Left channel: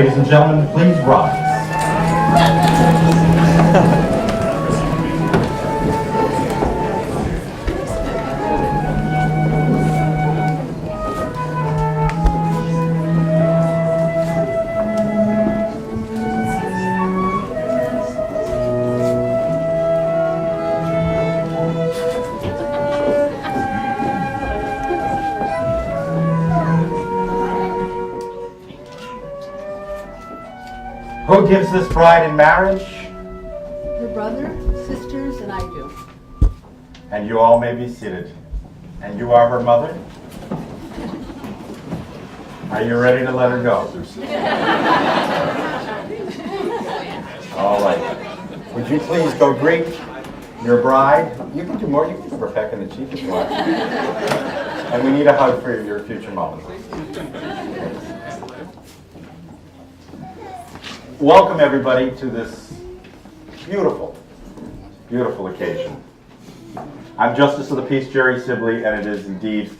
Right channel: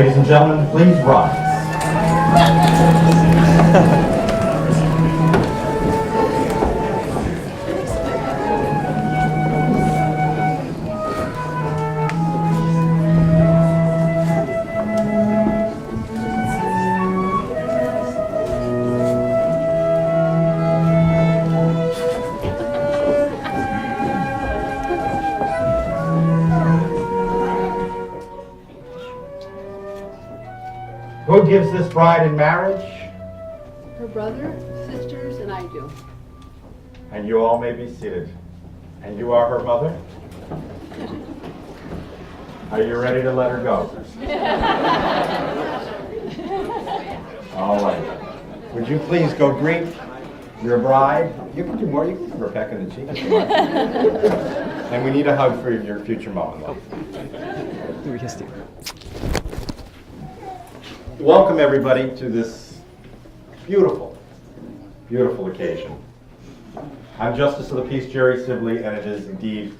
Ladies and gentlemen, please rise. Who gives this bride in marriage? Her brother, sisters, and I do. And you all may be seated. And you are her mother? Are you ready to let her go? All right. Would you please go greet your bride? You can do more. You can give her a peck in the cheek if you want. And we need a hug for your future mom. Welcome everybody to this beautiful, beautiful occasion. I'm Justice of the Peace Jerry Sibley, and it is indeed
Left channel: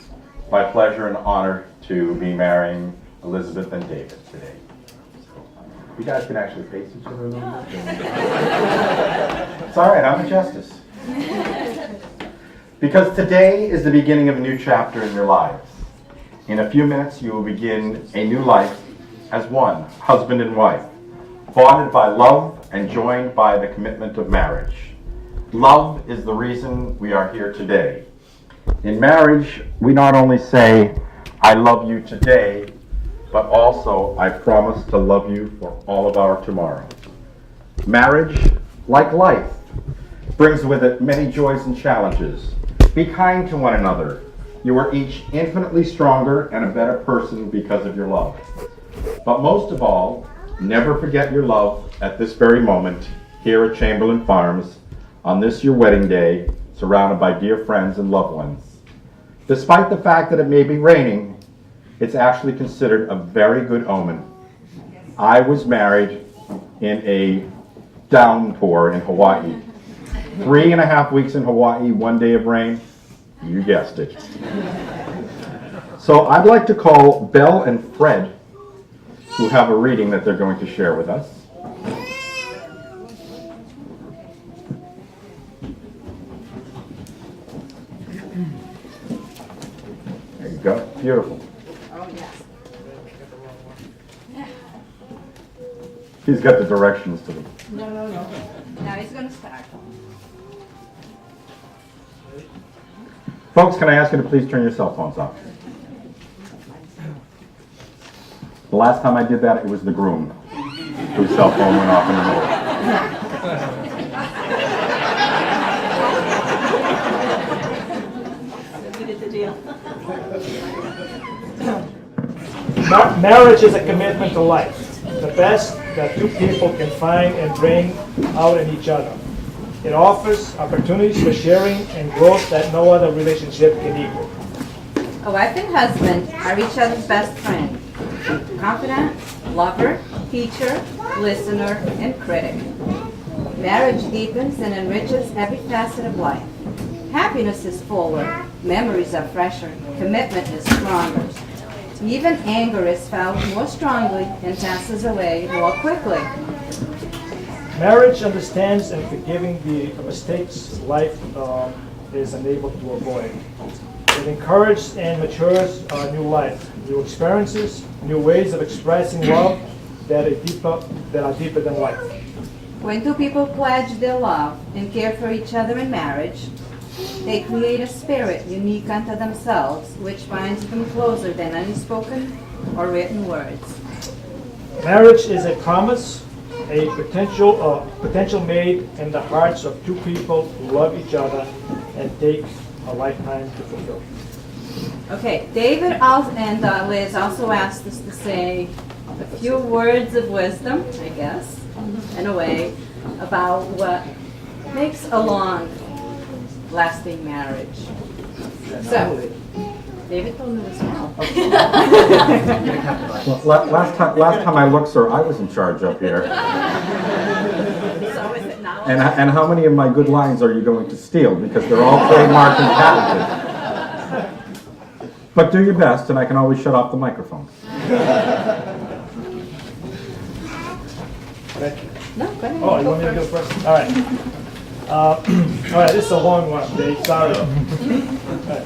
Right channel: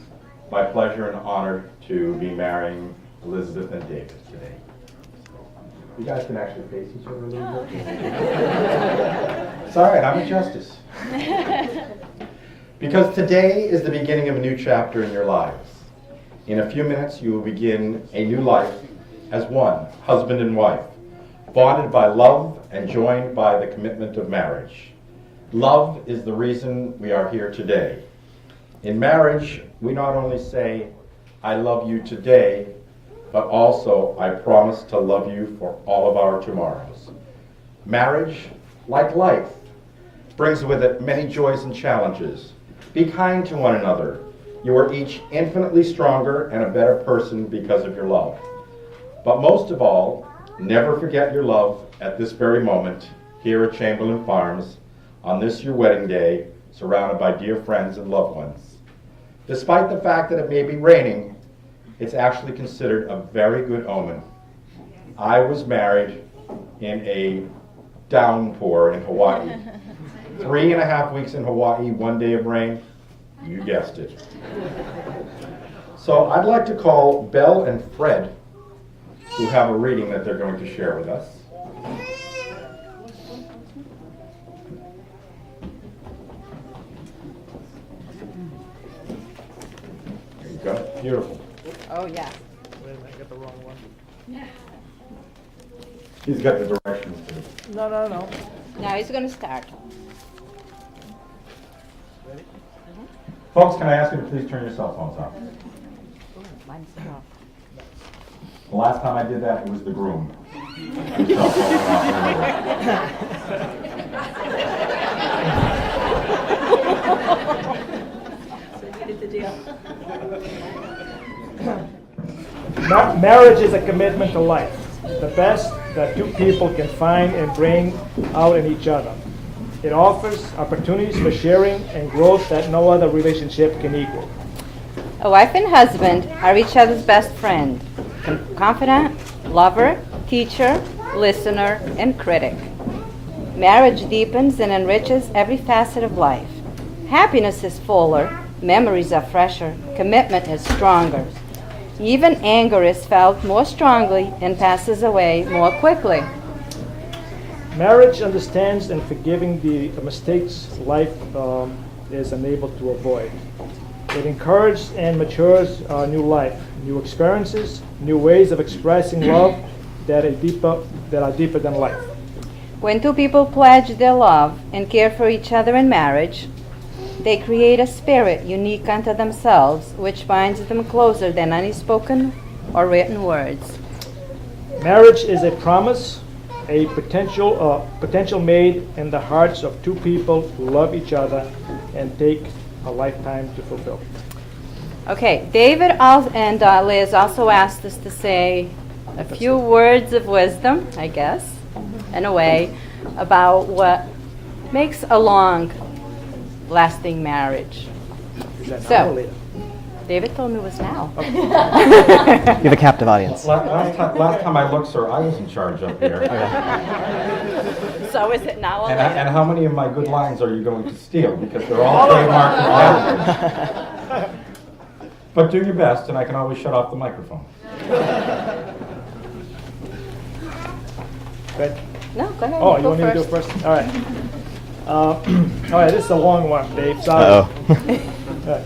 my pleasure and honor to be marrying Elizabeth and David today. You guys can actually face each other a little bit. It's all right, I'm a justice. Because today is the beginning of a new chapter in your lives. In a few minutes, you will begin a new life as one, husband and wife, bonded by love and joined by the commitment of marriage. Love is the reason we are here today. In marriage, we not only say, I love you today, but also, I promise to love you for all of our tomorrows. Marriage, like life, brings with it many joys and challenges. Be kind to one another. You are each infinitely stronger and a better person because of your love. But most of all, never forget your love at this very moment, here at Chamberlain Farms, on this your wedding day, surrounded by dear friends and loved ones. Despite the fact that it may be raining, it's actually considered a very good omen. I was married in a downpour in Hawaii. 3.5 weeks in Hawaii, 1 day of rain, you guessed it. So I'd like to call Belle and Fred, who have a reading that they're going to share with us. There you go. Beautiful. Oh, yes. He's got the directions to the... No, he's going to start. Folks, can I ask you to please turn your cell phones off? The last time I did that, it was the groom whose cell phone went off in the middle. Marriage is a commitment to life, the best that two people can find and bring out in each other. It offers opportunities for sharing and growth that no other relationship can equal. A wife and husband are each other's best friend, confidant, lover, teacher, listener, and critic. Marriage deepens and enriches every facet of life. Happiness is fuller, memories are fresher, commitment is stronger. Even anger is felt more strongly and passes away more quickly. Marriage understands and forgiving the mistakes life is unable to avoid. It encourages and matures new life, new experiences, new ways of expressing love that are deeper than life. When two people pledge their love and care for each other in marriage, they create a spirit unique unto themselves, which binds them closer than any spoken or written words. Marriage is a promise, a potential made in the hearts of two people who love each other and take a lifetime to fulfill. Okay, David and Liz also asked us to say a few words of wisdom, I guess, in a way, about what makes a long-lasting marriage. So, David told me it was now. You have a captive audience. Last time I looked, sir, I was in charge up here. So is it now? And how many of my good lines are you going to steal? Because they're all trademarked and patented. But do your best, and I can always shut off the microphone. Okay. No, go ahead. Oh, you Go want me to do it first. first? All right. All right, this is a long one, Dave. Sorry. All right.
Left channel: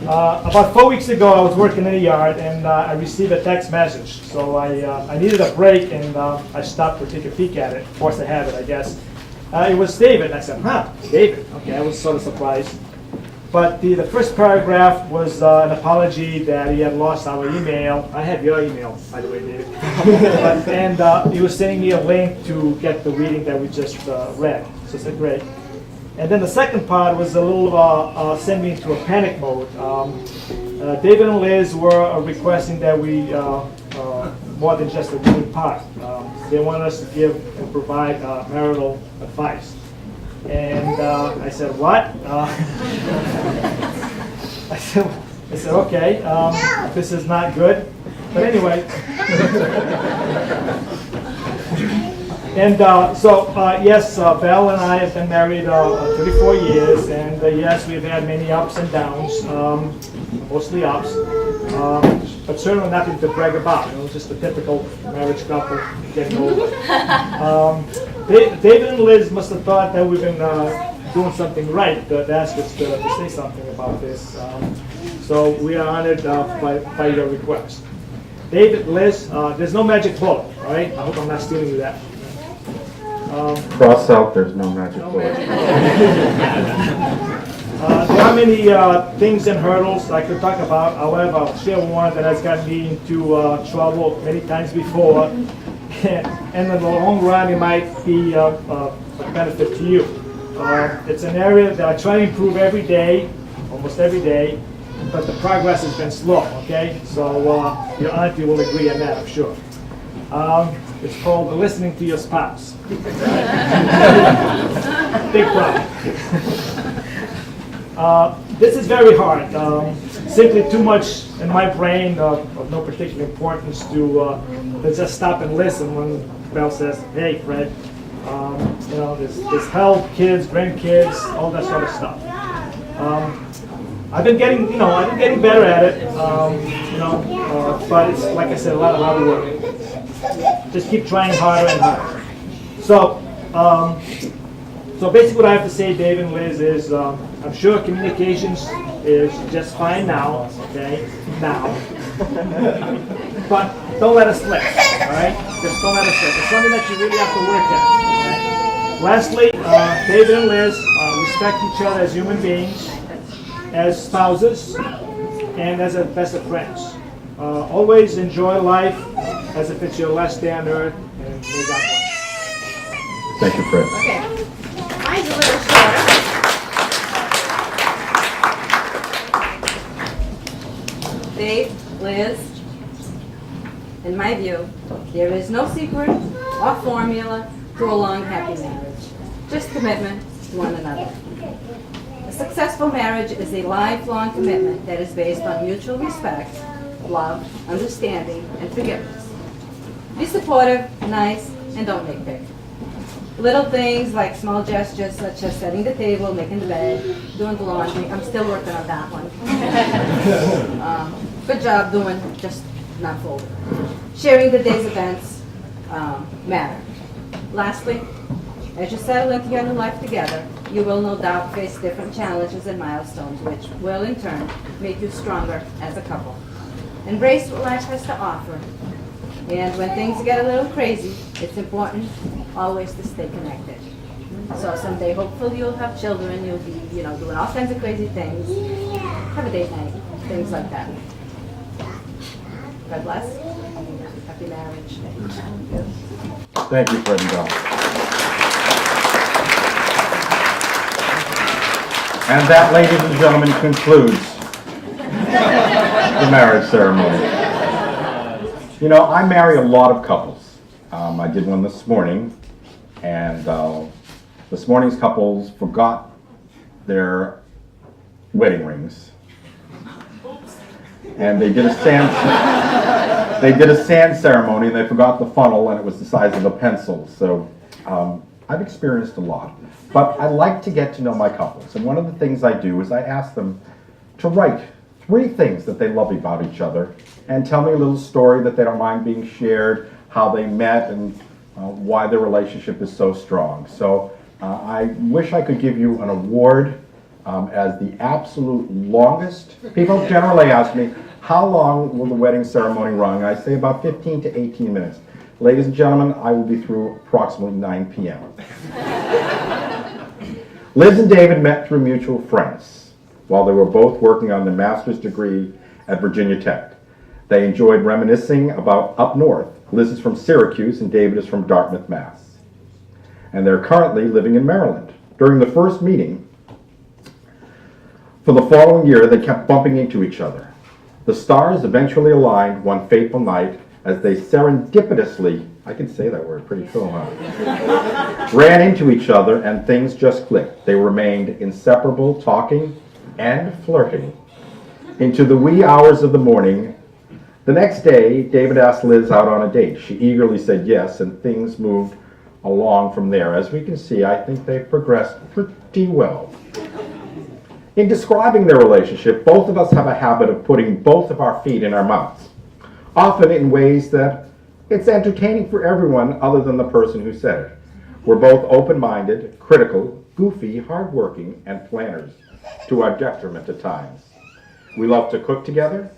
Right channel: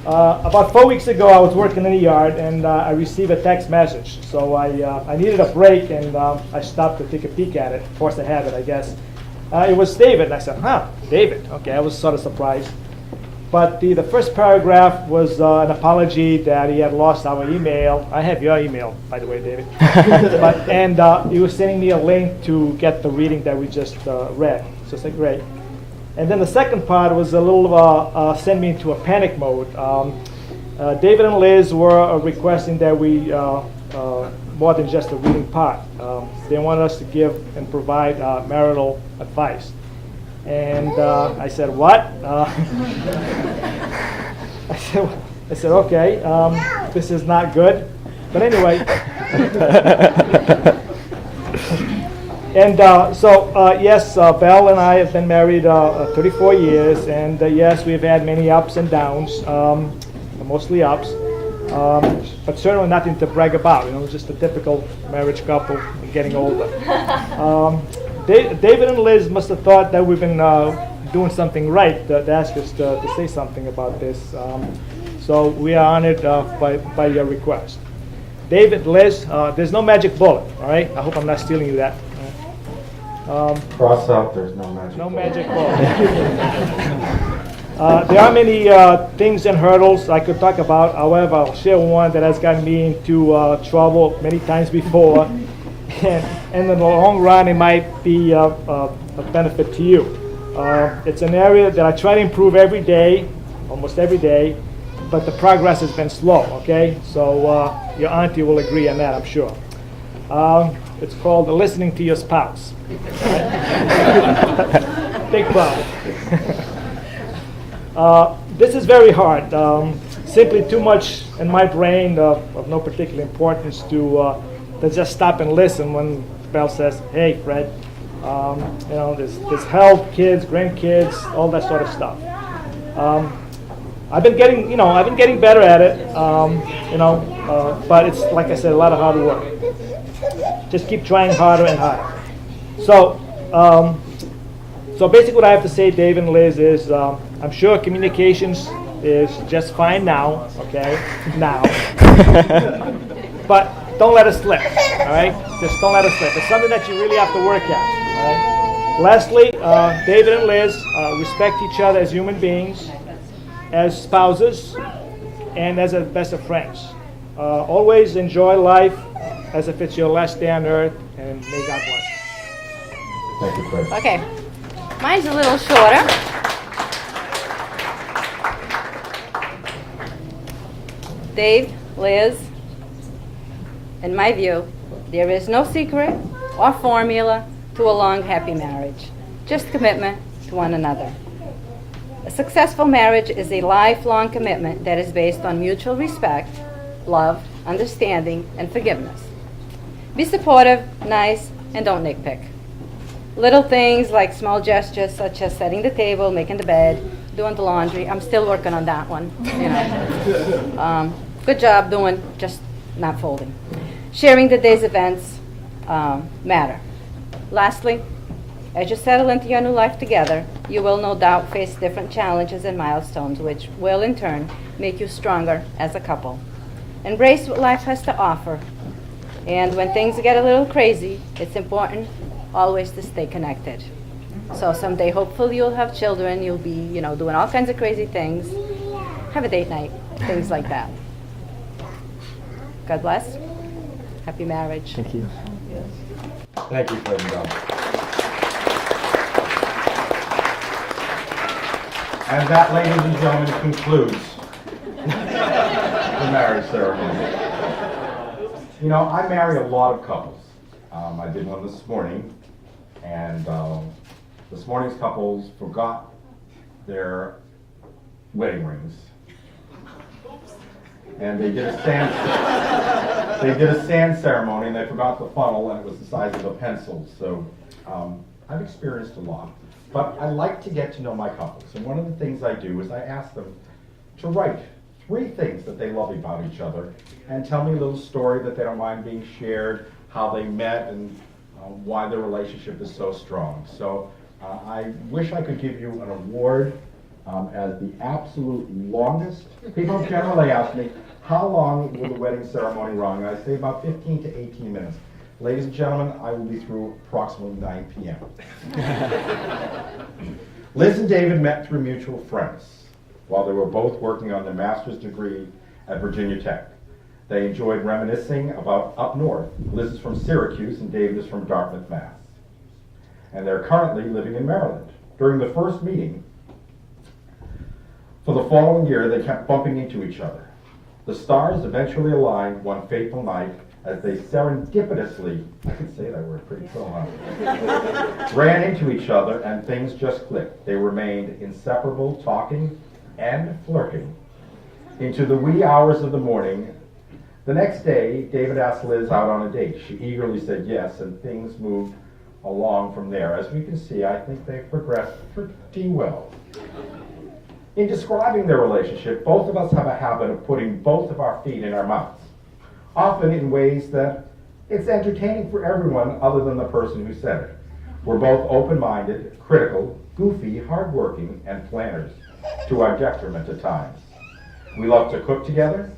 About 4 weeks ago, I was working in the yard, and I received a text message. So I needed a break, and I stopped to take a peek at it. Forced to have it, I guess. It was David, and I said, huh, David. Okay, I was sort of surprised. But the first paragraph was an apology that he had lost our email. I have your email, by the way, David. And he was sending me a link to get the reading that we just read. So I said, great. And then the second part was a little send me into a panic mode. David and Liz were requesting that we, more than just the reading part, they wanted us to give and provide marital advice. And I said, what? I said, okay, this is not good. But anyway. And yes, Val and I have been married 34 years, and yes, we've had many ups and downs, mostly ups, but certainly nothing to brag about. You know, just a typical marriage couple getting older. David and Liz must have thought that we've been doing something right to ask us to say something about this. So we are honored by your request. David, Liz, there's no magic bullet, all right? I hope I'm not stealing you that. Cross out, there's no magic No bullet. magic bullet. There are many things and hurdles I could talk about. However, I'll share one that has gotten me into trouble many times before. And in the long run, it might be a benefit to you. It's an area that I try to improve every day, almost every day, but the progress has been slow, okay? So your auntie will agree on that, I'm sure. It's called listening to your spouse. Right? Big problem. This is very hard. Simply too much in my brain of no particular importance to just stop and listen when Belle says, hey, Fred, you know, there's health, kids, grandkids, all that sort of stuff. I've been getting better at it, but it's, like I said, a lot of hard work. Just keep trying harder and harder. So basically what I have to say, Dave and Liz, is I'm sure communications is just fine now, okay? Now. But don't let it slip, all right? Just don't let it slip. It's something that you really have to work at, all right? Lastly, David and Liz respect each other as human beings, as spouses, and as best of friends. Always enjoy life as if it's your last day on earth, and may God bless. Thank you, Fred. Okay. Mine's a little shorter. Dave, Liz, in my view, there is no secret or formula to a long, happy marriage. Just commitment to one another. A successful marriage is a lifelong commitment that is based on mutual respect, love, understanding, and forgiveness. Be supportive, nice, and don't nitpick. Little things like small gestures such as setting the table, making the bed, doing the laundry. I'm still working on that one. Good job doing, just not folded. Sharing the day's events matter. Lastly, as you settle into your new life together, you will no doubt face different challenges and milestones, which will in turn make you stronger as a couple. Embrace what life has to offer. And when things get a little crazy, it's important always to stay connected. So someday, hopefully, you'll have children. You'll be, doing all kinds of crazy things. Have a date night, things like that. God bless. Happy marriage. Thank you, Fred and Belle. And that, ladies and gentlemen, concludes the marriage ceremony. You know, I marry a lot of couples. I did one this morning, and this morning's couples forgot their wedding rings. And they did a sand ceremony, and they forgot the funnel, and it was the size of a pencil. So I've experienced a lot. But I like to get to know my couples. And one of the things I do is I ask them to write 3 things that they love about each other and tell me a little story that they don't mind being shared, how they met, and why their relationship is so strong. So I wish I could give you an award as the absolute longest. People generally ask me, how long will the wedding ceremony run? I say about 15 to 18 minutes. Ladies and gentlemen, I will be through approximately 9 p.m. Liz and David met through mutual friends while they were both working on their master's degree at Virginia Tech. They enjoyed reminiscing about up north. Liz is from Syracuse and David is from Dartmouth, Mass. And they're currently living in Maryland. During the first meeting, for the following year, they kept bumping into each other. The stars eventually aligned one fateful night as they serendipitously, I can say that word, pretty cool, huh? Ran into each other and things just clicked. They remained inseparable, talking and flirting into the wee hours of the morning. The next day, David asked Liz out on a date. She eagerly said yes, and things moved along from there. As we can see, I think they've progressed pretty well. In describing their relationship, both of us have a habit of putting both of our feet in our mouths, often in ways that it's entertaining for everyone other than the person who said it. We're both open-minded, critical, goofy, hardworking, and planners, to our detriment at times. We love to cook together,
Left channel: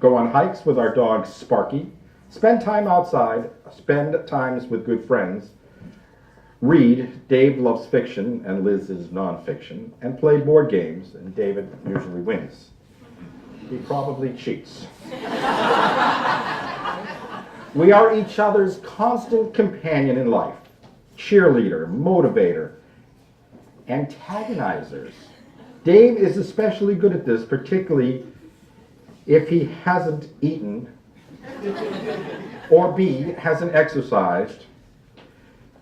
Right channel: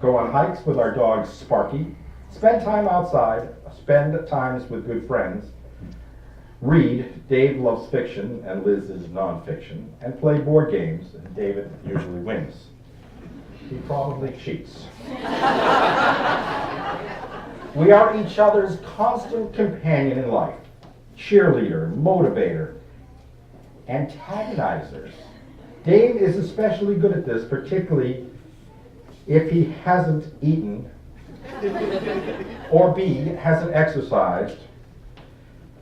go on hikes with our dog Sparky, spend time outside, spend times with good friends, read. Dave loves fiction and Liz is nonfiction, and play board games, and David usually wins. He probably cheats. We are each other's constant companion in life, cheerleader, motivator, antagonizers. Dave is especially good at this, particularly if he hasn't eaten or B, hasn't exercised.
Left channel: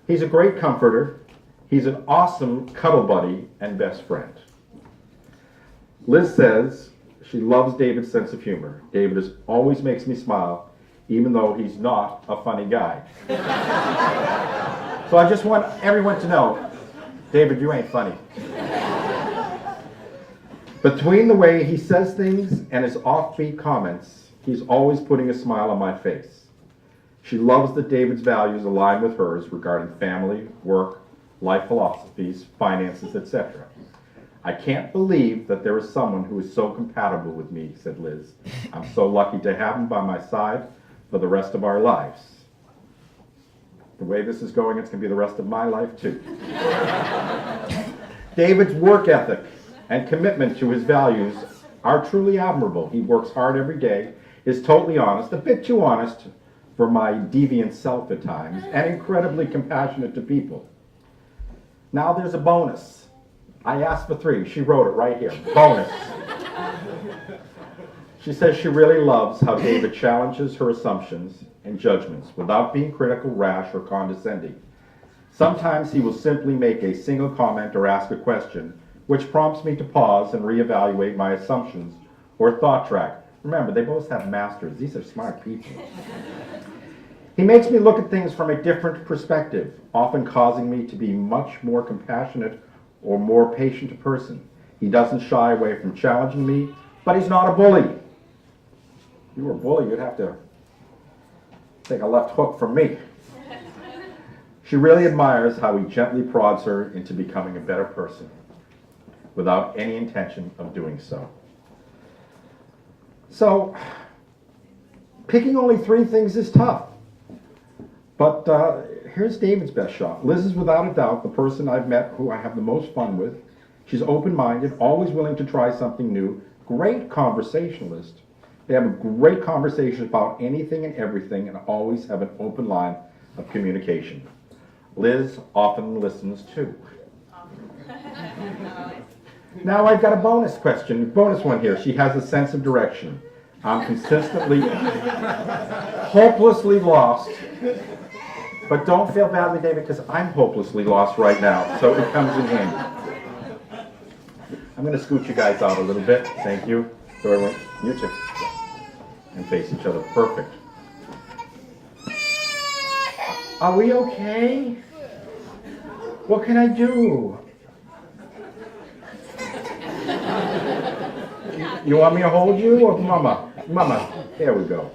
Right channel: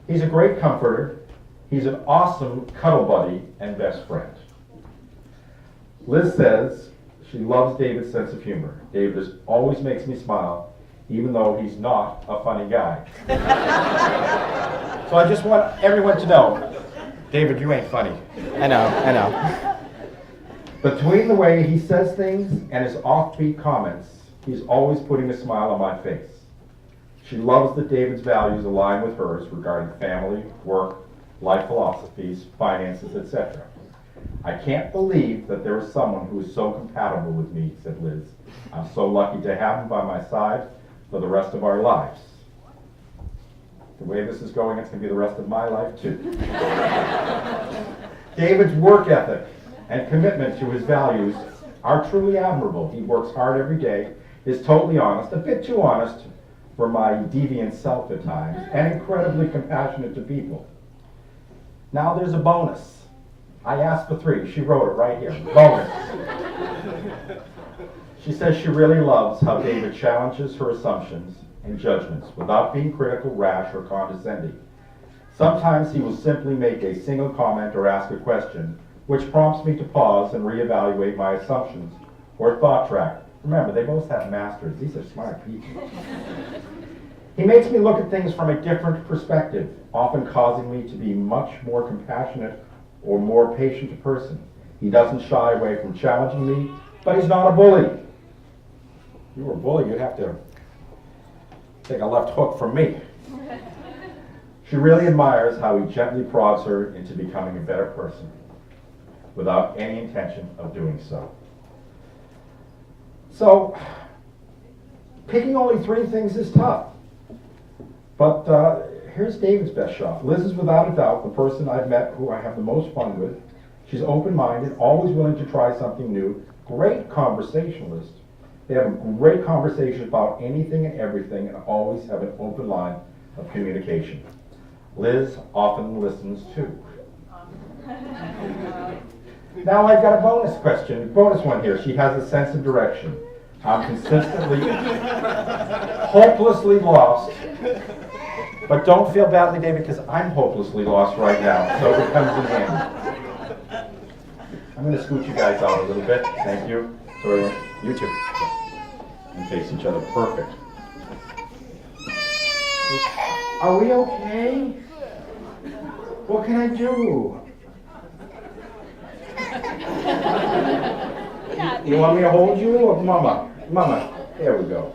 He's a great comforter. He's an awesome cuddle buddy and best friend. Liz says she loves David's sense of humor. David always makes me smile, even though he's not a funny guy. So I just want everyone to know, David, you ain't funny. I know. Between the way he says things and his offbeat comments, he's always putting a smile on my face. She loves that David's values align with hers regarding family, work, life philosophies, finances, etc. I can't believe that there is someone who is so compatible with me, said Liz. I'm so lucky to have him by my side for the rest of our lives. The way this is going, it's going to be the rest of my life too. David's work ethic and commitment to his values are truly admirable. He works hard every day, is totally honest, a bit too honest for my deviant self at times, and incredibly compassionate to people. Now there's a bonus. I asked for 3. She wrote it right here. Bonus. She says she really loves how David challenges her assumptions and judgments without being critical, rash, or condescending. Sometimes he will simply make a single comment or ask a question, which prompts me to pause and reevaluate my assumptions or thought track. Remember, they both have masters. These are smart people. He makes me look at things from a different perspective, often causing me to be much more compassionate or more patient a person. He doesn't shy away from challenging me, but he's not a bully. If you were a bully, you'd have to take a left hook from me. She really admires how he gently prods her into becoming a better person without any intention of doing so. So, picking only 3 things is tough. But here's David's best shot. Liz is without a doubt the person I've met who I have the most fun with. She's open-minded, always willing to try something new, great conversationalist. They have a great conversation about anything and everything and always have an open line of communication. Liz often listens too. Now I've got a bonus one here. She has a sense of direction. I'm consistently, hopelessly lost. But don't feel badly, David, because I'm hopelessly lost right now, so it comes in handy. I'm going to scoot you guys out a little bit. Thank you. So you two. And face each other. Perfect. Are we okay? What can I do? You want me to hold you or Mama? Mama. There we go.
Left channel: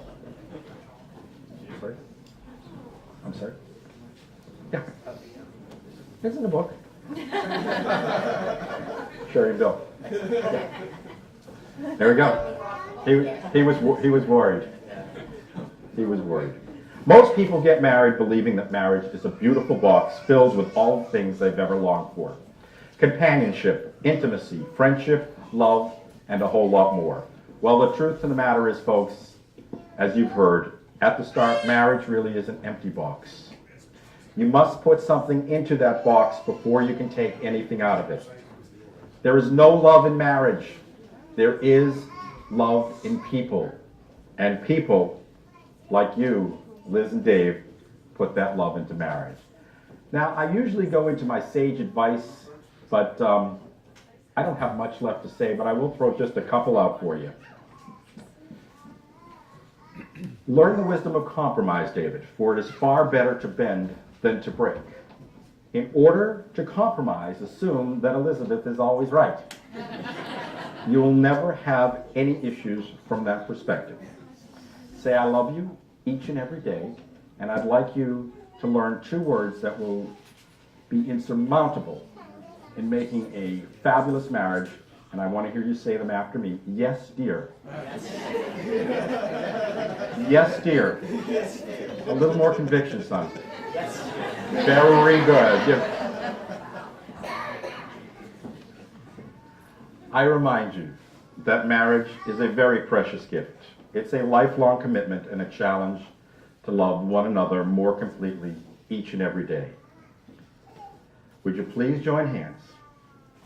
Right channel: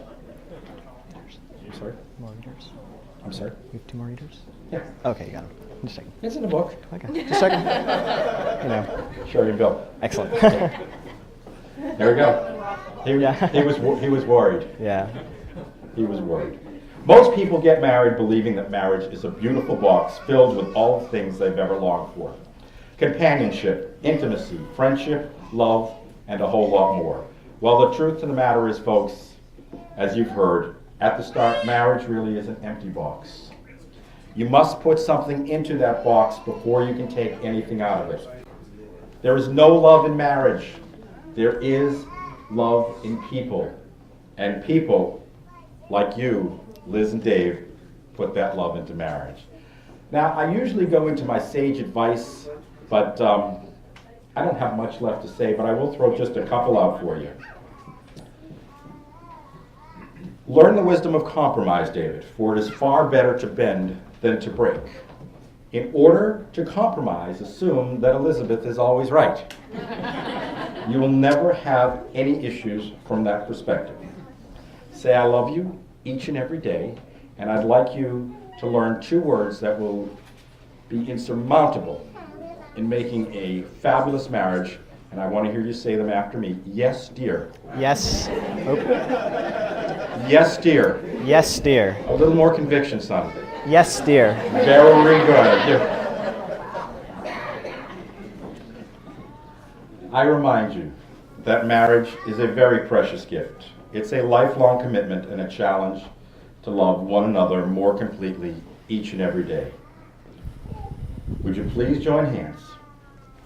I'm sorry? I'm sorry? You have 2 some more readers? Yeah. Okay, got it. Just checking. It's in the book. Okay, just checking. You know, Sure you go. excellent. There we go. Yeah. He was worried. Yeah. He was worried. Most people get married believing that marriage is a beautiful box filled with all the things they've ever longed for. Companionship, intimacy, friendship, love, and a whole lot more. Well, the truth of the matter is, folks, as you've heard, at the start, marriage really is an empty box. You must put something into that box before you can take anything out of it. There is no love in marriage. There is love in people. And people, like you, Liz and Dave, put that love into marriage. Now, I usually go into my sage advice, but I don't have much left to say, but I will throw just a couple out for you. Learn the wisdom of compromise, David, for it is far better to bend than to break. In order to compromise, assume that Elizabeth is always right. You will never have any issues from that perspective. Say, I love you each and every day, and I'd like you to learn 2 words that will be insurmountable in making a fabulous marriage, and I want to hear you say them after me. Yes, dear. Yes. Oh. Yes, dear. Yes, dear. A little more conviction, son. Yes, dear. Very good. I remind you that marriage is a very precious gift. It's a lifelong commitment and a challenge to love one another more completely each and every day. Would you please join hands?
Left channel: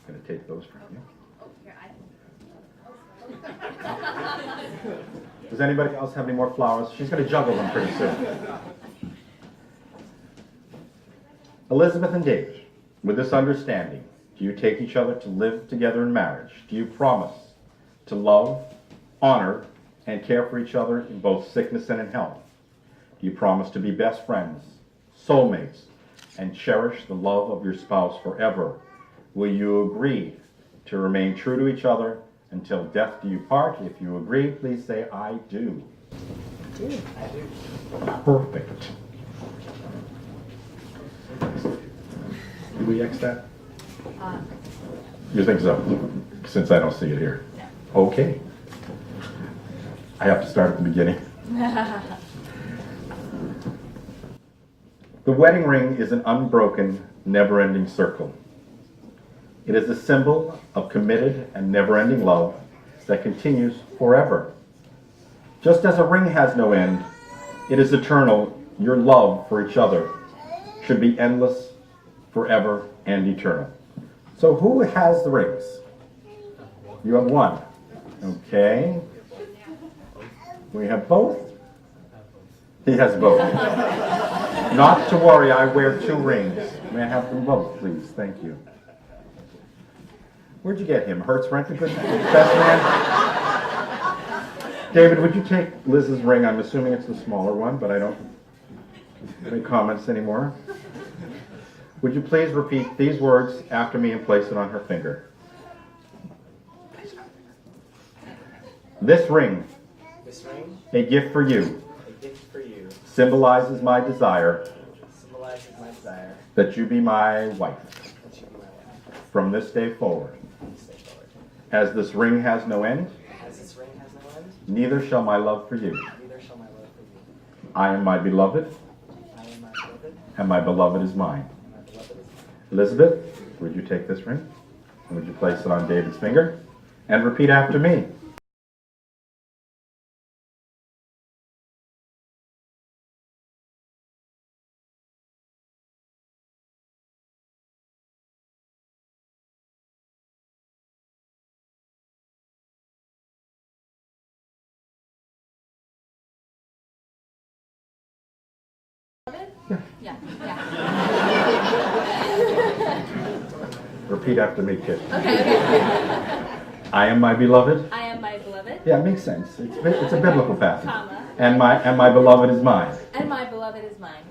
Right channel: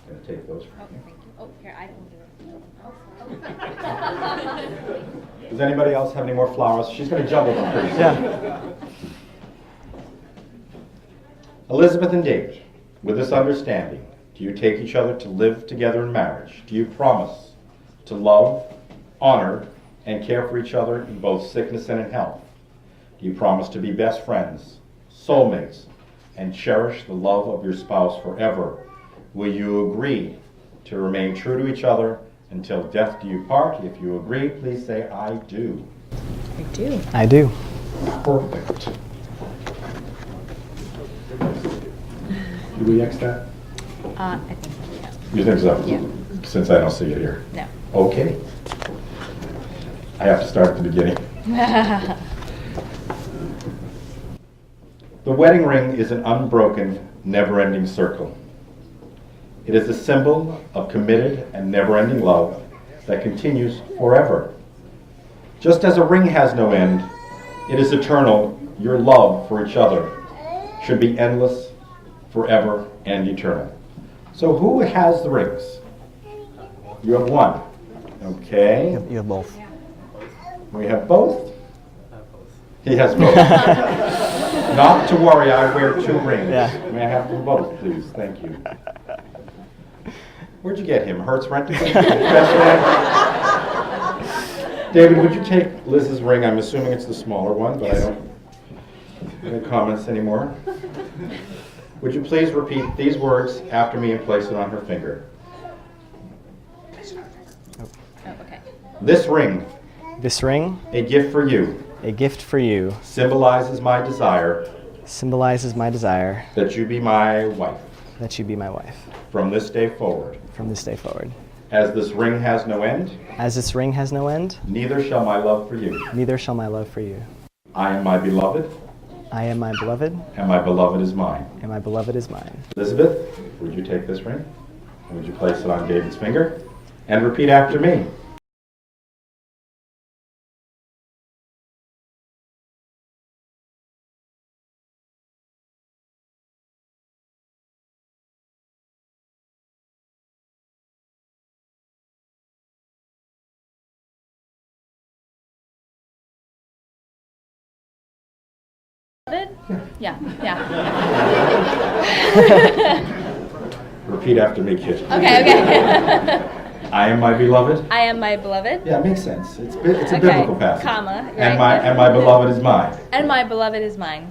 I'm going to take those from you. Oh, here, I can do it. Does anybody else have any more flowers? She's going to juggle them pretty soon. Yeah. Elizabeth and David, with this understanding, do you take each other to live together in marriage? Do you promise to love, honor, and care for each other in both sickness and in health? Do you promise to be best friends, soulmates, and cherish the love of your spouse forever? Will you agree to remain true to each other until death do you part? If you agree, please say, I do. I do. I do. Perfect. Did we X that? I think so. You think so? Yeah. Since I don't see it here. No. Okay. I have to start at the beginning. The wedding ring is an unbroken, never-ending circle. It is a symbol of committed and never-ending love that continues forever. Just as a ring has no end, it is eternal. Your love for each other should be endless, forever, and eternal. So who has the rings? You have one. Okay. You have both. We have both? He has both. Not to worry, I wear 2 rings. Yeah. May I have them both, please? Thank you. Where'd you get him? Hertz Rent-A-Car? Best man? David, would you take Liz's ring? I'm assuming it's the smaller one, but I don't have any comments anymore. Would you please repeat these words after me and place it on her finger? Oh, okay. This ring, This ring, a gift for you, a gift for you, symbolizes my desire symbolizes my desire that you be my wife that you be my wife from this day forward. from this day forward. As this ring has no end, As this ring has no end, neither shall my love for you. neither shall my love for you. I am my beloved, I am my beloved, and my beloved is mine. and my beloved is mine. Elizabeth, would you take this ring? And would you place it on David's finger? And repeat after me. Yeah, yeah. Repeat after me, kid. Okay. I am my beloved. I am my beloved. Yeah, it makes sense. It's a Okay, biblical passage. comma, And right. my beloved is mine. And my beloved is mine.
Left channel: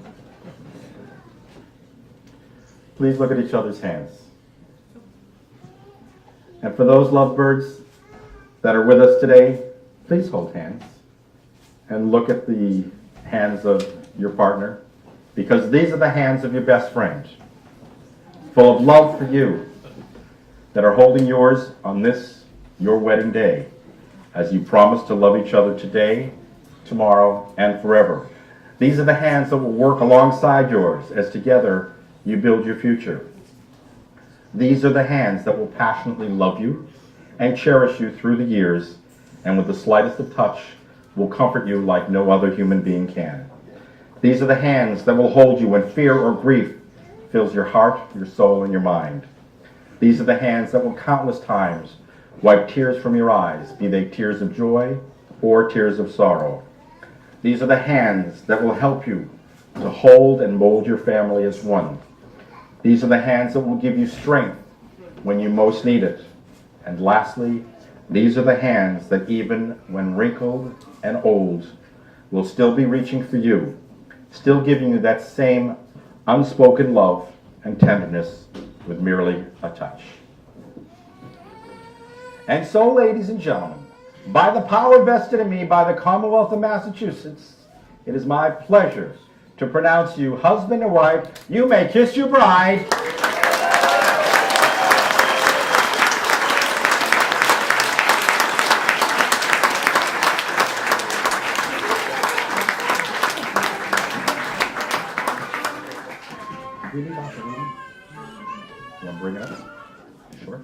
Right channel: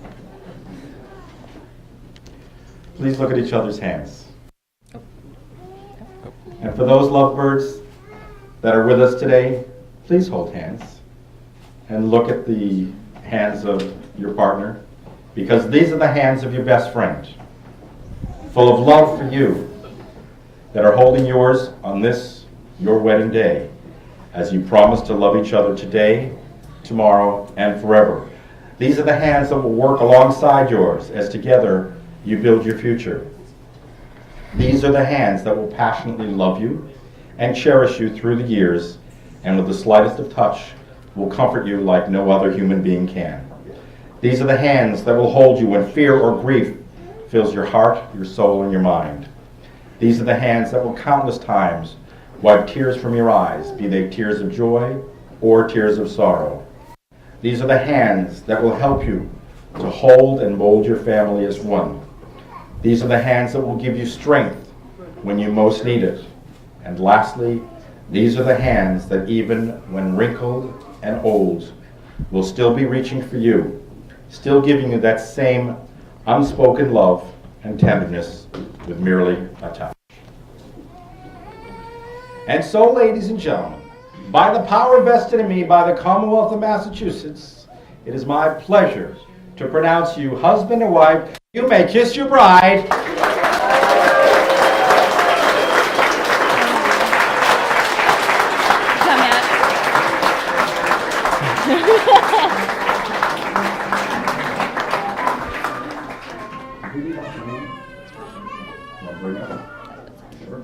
Please look at each other's hands. And for those lovebirds that are with us today, please hold hands and look at the hands of your partner because these are the hands of your best friend, full of love for you, that are holding yours on this, your wedding day, as you promise to love each other today, tomorrow, and forever. These are the hands that will work alongside yours as together you build your future. These are the hands that will passionately love you and cherish you through the years, and with the slightest of touch will comfort you like no other human being can. These are the hands that will hold you when fear or grief fills your heart, your soul, and your mind. These are the hands that will countless times wipe tears from your eyes, be they tears of joy or tears of sorrow. These are the hands that will help you to hold and mold your family as one. These are the hands that will give you strength when you most need it. And lastly, these are the hands that even when wrinkled and old will still be reaching for you, still giving you that same unspoken love and tenderness with merely a touch. And so, ladies and gentlemen, by the power vested in me by the Commonwealth of Massachusetts, it is my pleasure to pronounce you husband and wife. You may kiss your bride. Come, Matt. You leave off the reading? You want to bring it up? Sure.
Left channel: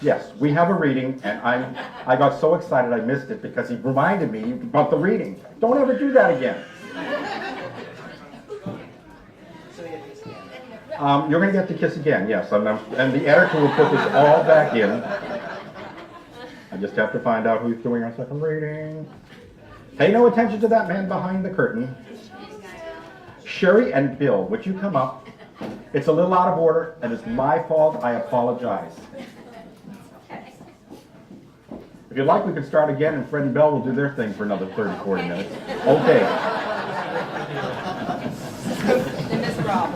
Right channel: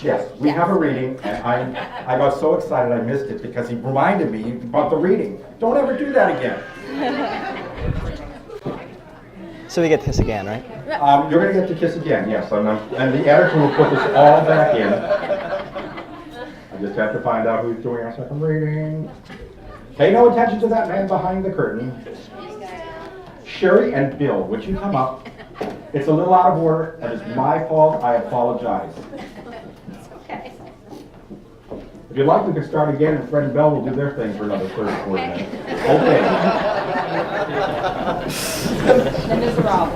Yes, we have a reading, and I got so excited I missed it because he reminded me about the reading. Don't ever do that again. So we get this again, right? You're going to get to kiss again, yes. And the editor will put this all back in. I just have to find out who's doing our second reading. Pay no attention to that man behind the curtain. Sherry and Bill, would you come up? It's a little out of order, and it's my fault. I apologize. Okay. If you'd like, we could start again, and Fred and Bell will do their thing for another 30, 40 minutes. Okay. The Miserable.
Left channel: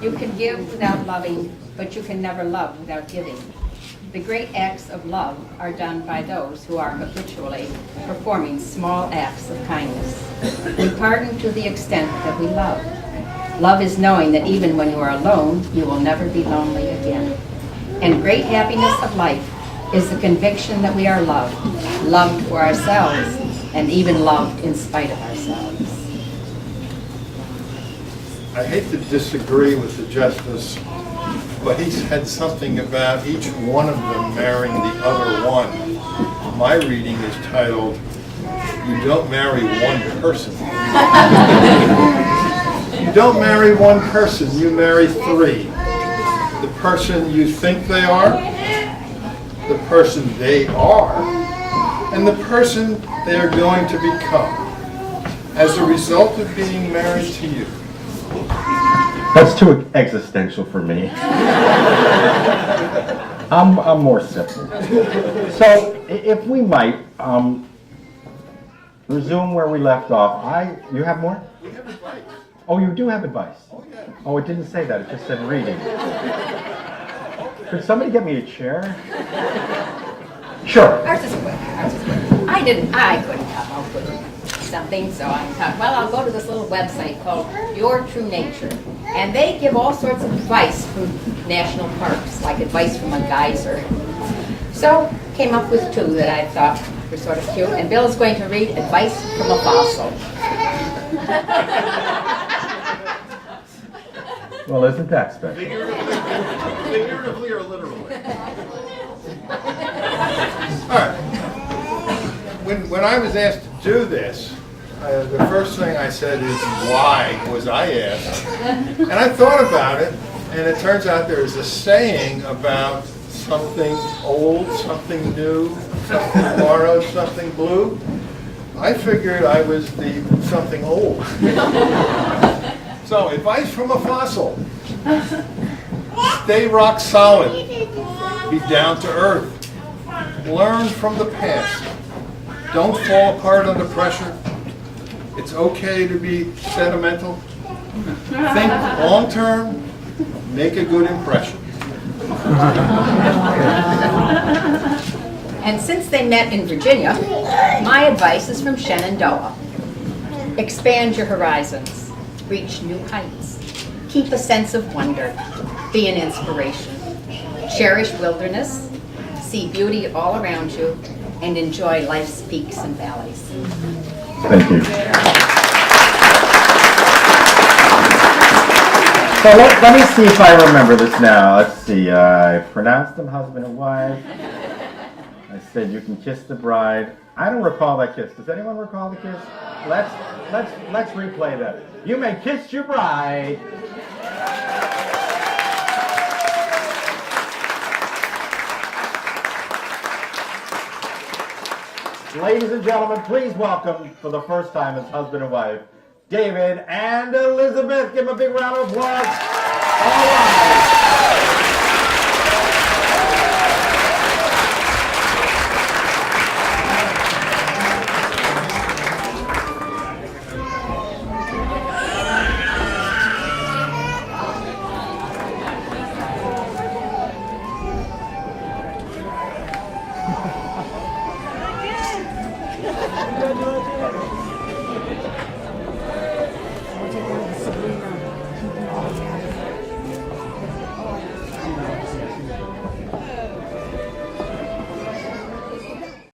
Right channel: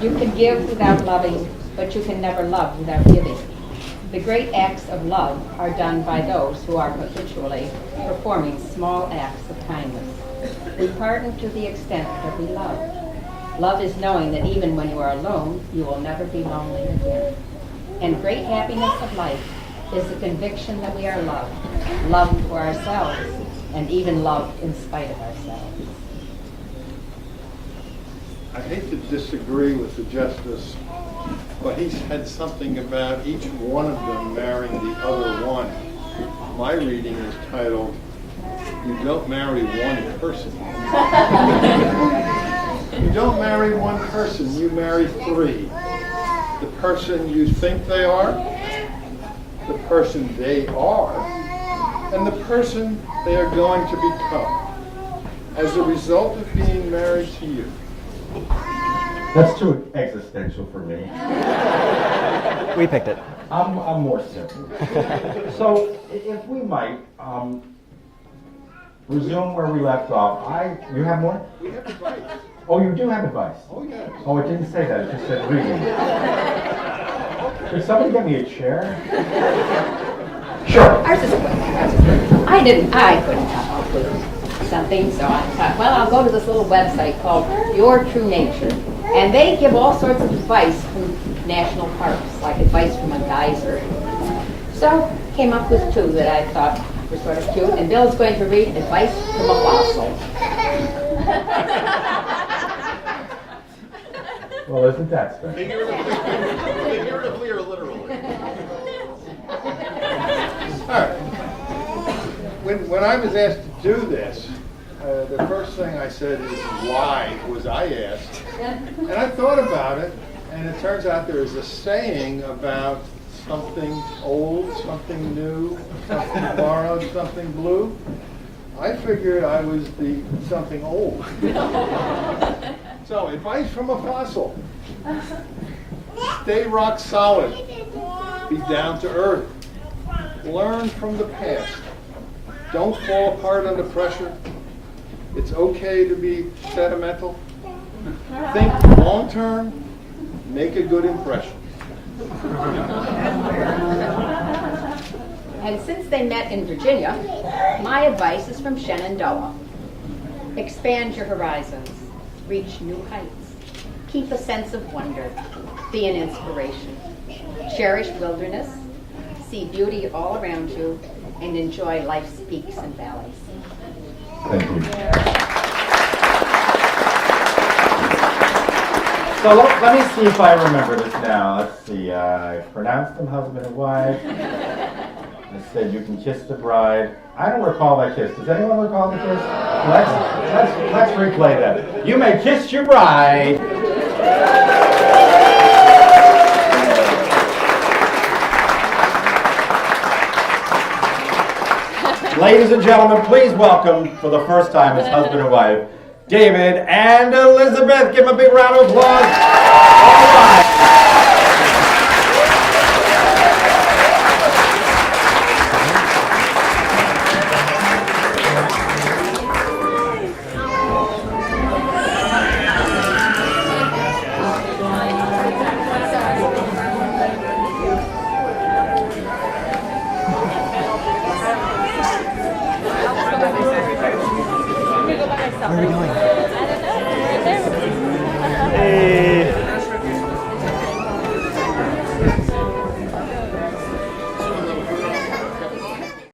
You can give without loving, but you can never love without giving. The great acts of love are done by those who are habitually performing small acts of kindness. We pardon to the extent that we love. Love is knowing that even when you are alone, you will never be lonely again. And great happiness of life is the conviction that we are loved, loved for ourselves, and even loved in spite of ourselves. I hate to disagree with the justice, but he said something about each one of them marrying the other one. My reading is titled, "You don't marry one person." You don't marry one person, you marry three. The person you think they are, the person they are, and the person they are going to become as a result of being married to you. That's too existential for me. We picked it. I'm more simple. So, if we might, resume where we left off. You have more? We have advice. Oh, you do have advice? Oh, yes. Oh, it didn't say that, it just said reading. Could somebody get me a chair? Sure. Ours is quick. I couldn't come up with something, so I thought, well, I'll go to this little website called Your True Nature. And they give all sorts of advice from national parks, like advice from a geyser. So, came up with two that I thought were sort of cute, and Bill's going to read advice from a fossil. Well, isn't that special? Figuratively or literally? All right. When I was asked to do this, the first thing I said is, why was I asked? And I thought about it, and it turns out there is a saying about something old, something new, something borrowed, something blue. I figured I was the something old. So, advice from a fossil. Stay rock solid. Be down to earth. Learn from the past. Don't fall apart under pressure. It's okay to be sentimental. Think long term. Make a good impression. And since they met in Virginia, my advice is from Shenandoah. Expand your horizons. reach new heights. Keep a sense of wonder. Be an inspiration. Cherish wilderness. See beauty all around you and enjoy life's peaks and valleys. Thank you. So let me see if I remember this now. Let's see. I pronounced them husband and wife. I said you can kiss the bride. I don't recall that kiss. Does anyone recall the kiss? Let's replay that. You may kiss your bride. Ladies and gentlemen, please welcome for the first time as husband and wife, David and Elizabeth. Give them a big round of applause.